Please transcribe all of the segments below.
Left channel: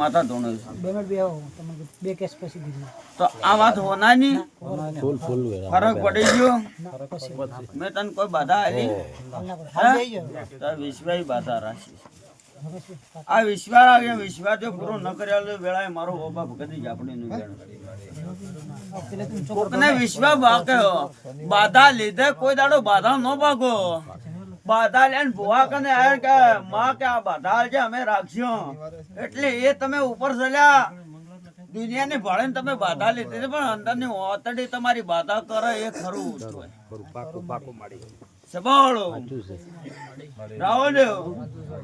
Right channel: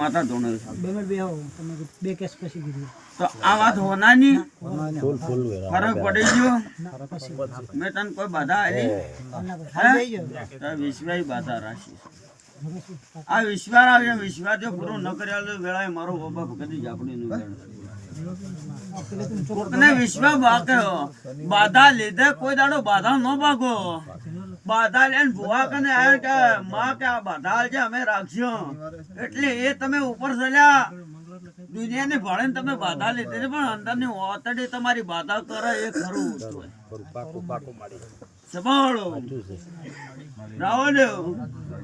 માતા ધોણે બે કેસ પછી કીધું તો આ વાત હોનાની ફૂલ ફૂલ ફરક પડી ગયો મેં તને કોઈ બાધા આલી તો વિશ્વાસ બાધા રાખી આ વિશ્વાસ આવે વિશ્વાસ જો પૂરો ન કર્યા તો વેળાએ મારો બાપ કદી જ આપણે નહીં કોકને વિશ્વાસ બાક્યો બાધા લીધે કોઈ દાડો બાધા ન ભાગો બાધા લઈને ભુવા કને આયા કે માં કે આ બાધા છે અમે રાખ્યો એટલે એ તમે ઉપર ચડ્યા દુનિયાને ભાડે તમે બાધા લીધી છે પણ અંદરની ઓતડી તમારી બાધા કરે એ ખરું સભાળો રાવણ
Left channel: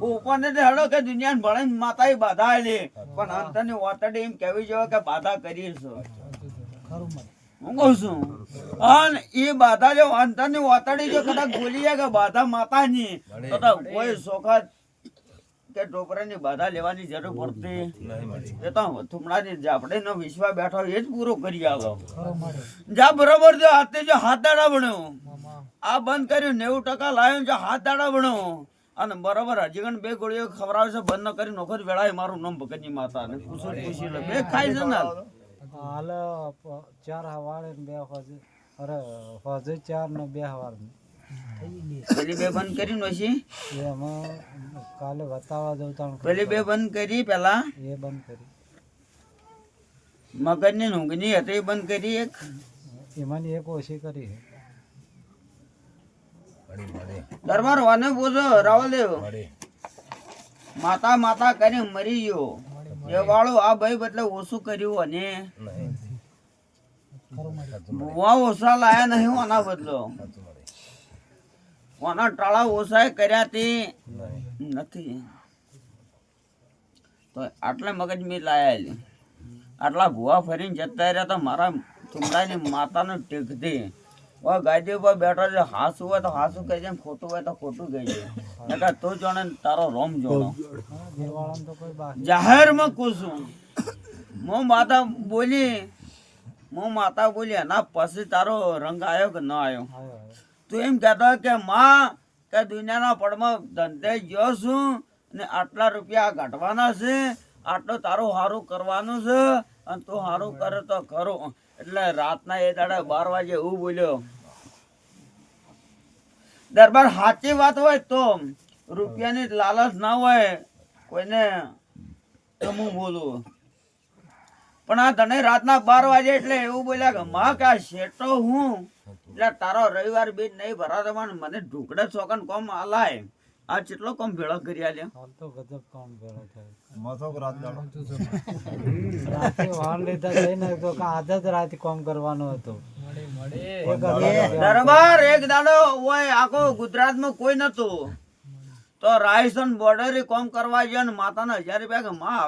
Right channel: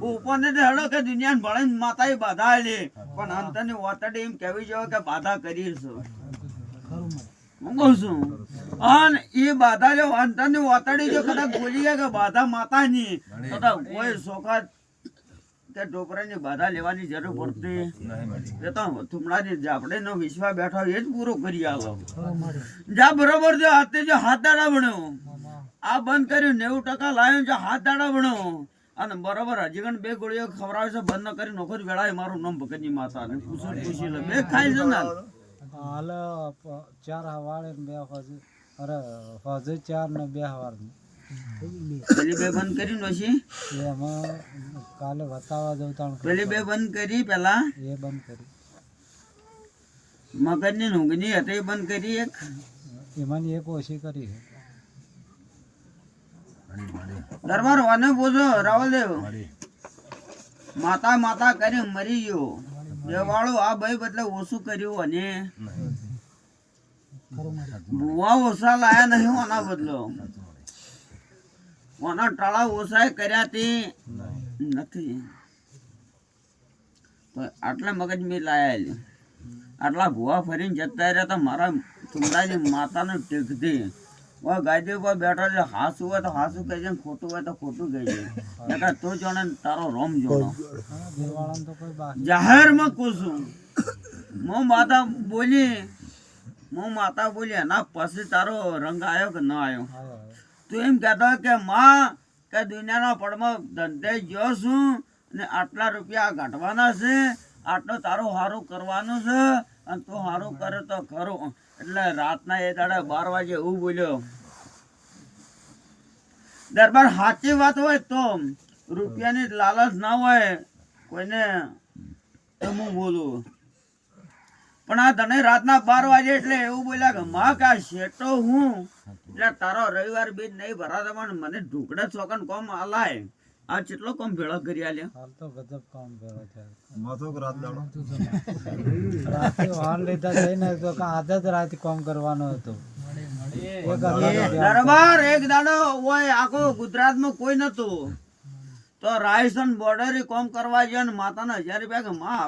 ઉપર ને હેડો કે દુનિયાને ભાડે માતા બાધા આલી પણ અંતરની ઓતડી એમ કહેવી જોઈએ કે બાધા કરી છે હું કહું છું અને એ બાધા જો અંતરની ઓતડી જો કદાચ બોલી જાય કે બાધા માતાની તો કોઈ સોખા કે ટોપરાની બાધા લેવાની જરૂર પડતી એ તો થુમડાની જાપડેનો વિશ્વાસ બેઠો એ જ પૂરો કરી આલો જા બરોબર જો હાથે જો હાથ દાડા ભણ્યો આ બંધ કર્યું 90% લાવ્યો જો હાથ દાડા ભણ્યો અને બરોબર હજી ગણ બે ગોળીઓ ખવડાવે છે બંધ ન કરી નોખર વેળાએ મારું નામ ભગતની માતા ને પૂછી લે બે ખાઈ છે ને હાલ 4 હવાળે બે હજે અરે હજે 4 ને 2 હવાર પેલી બે બંધ કરી નોશી એમાં કાલે બતાવવા દઉં તા પેલી બે બંધ કરી પેલા એ બંધ કરી મગજની ઊંઘની હતી એ બંધ કરી એક એમાંની એક ઓછી કરી દરબાર વાને બોલો રાવલદેવ માતા માતા કરી મરી ગયો એ વાળો આ ભાઈ બદલે ઓછું કર્યું અને બુવા ઓછા લાયા નહીં આના બદલો આના ટાળા ઓછા કર્યા તે નથી તો આટલા મગજ મેં લાયા આટલા ભુવા ફરીને જતા રહ્યા તો મારા ચુંડાની માતાનો ટેકથી ગાડી ઉપર બેઠો છે હાસું હોય તો હાસું કહી જાય ખોટું હોય તો ખોટું કહી જાય તો જોણે તારો રોમ જોણો જાહેરમાં કૂશું હું માતા બોલી એના પછી તારો રંગ આવ્યો કે ન આવ્યો તું એમ કહેતો કે માં કે દુનિયાના પડમાં ધંધે ગયો છું ને આટલા રૂપિયા કાઢવાના છે આટલો તારું સારું કરવાનું છે અને તું સારું કરે તો ખરું એટલે રાતના એ દાડે 12 વાગે એવું બોલ્યો દરબાર સાચી વાત હોય તો રૂપિયાની લાલચ ના હોય કોઈને તો હું બોલું પણ આ તને રાતના 12 વાગે એટલે એવું બોલ્યા કે માં કે શેઠો હું એટલે તારો રવિવાર બીજ નહીં ભરાતો પણ મને ઢુકડે ચોકન કોમ આલાય આ કેટલો કોમ ભેળો કરી આલ્યો હાલ તો ગજબ કામ ભેળો થાય મથોક રાત દાડો રાતે વાહન લેતા થઈને તો આદત રાત કામ કરવાનો હતો દરબાર એક દાડો હોય આખો ગુજરાતમાં કોઈ નતું તો રાજસ્થાન બોર્ડરે કામ કરવા ગયા ને માતાના 1000 રૂપિયા કે માં